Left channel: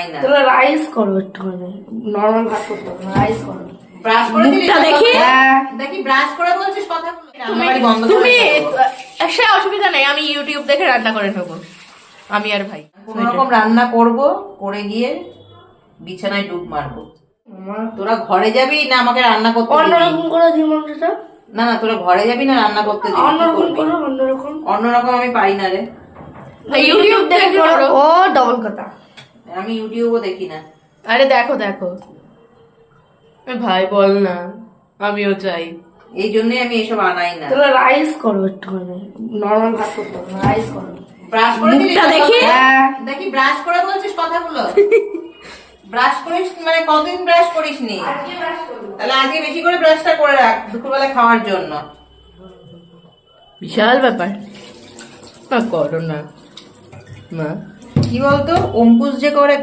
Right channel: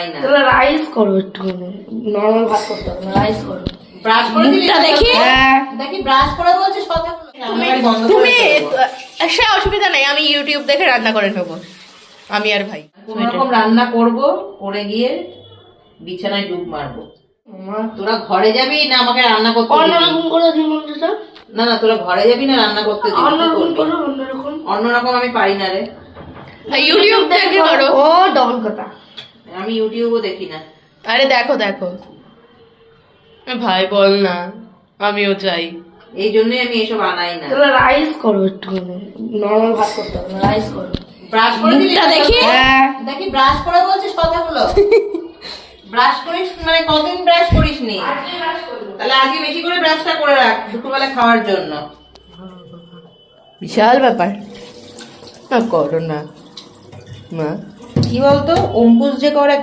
বানাই না। তাহলে রাইস করো, একটুখানি নরমাল ভাত করতে হবে, রাইস করো। ব্রাশ করে মুখটা দেখি। হ্যাঁ দেখি ব্রাশ করে বলছিস কথাগুলো। রান্নাবাড়ি বন্ধ করে তুমি দেবো। সে অসুবিধা নেই, আমি ইউটিউব দেখে রান্না করে নেবো, আমি আর ভাই। কোনো রকম রান্না করব, করে গিয়ে বিছানায় ডুব মারবো। তোরা ঘরে যাবি না আমাকে রান্না করতে দিবি? অন্যরকম করে দিই মন্ত্রটা। না না, তোরা ঘরে যাবি না রান্না করতে দিবি? কি অন্যরকম করবি? করো, অন্যরকম। অন্যরকম আমি পারি না রে। ইউটিউব দেখে করো। ও ডবল কথা। আমি ইউটিউবও দেখি না। আরে দেখো দেখো ভাই, বল না, আমিও চাই। এই জন্যই আমি এসব আনাই না। তাহলে রাইস করো, একটুখানি নরমাল ভাত করতে হবে, রাইস করো। ব্রাশ করে মুখটা দেখি। হ্যাঁ দেখি ব্রাশ করে বলছিস কথাগুলো। ব্রাশ করিস মানে কতদিন ব্রাশ করিস নি? তাহলে আজকে বেশি করে ব্রাশটা করে রাখ দুপুরবেলা খাওয়ার জন্য। বিশাল ব্যাপার, না করো না মা। কি বলতো, অঙ্কুশ যে করে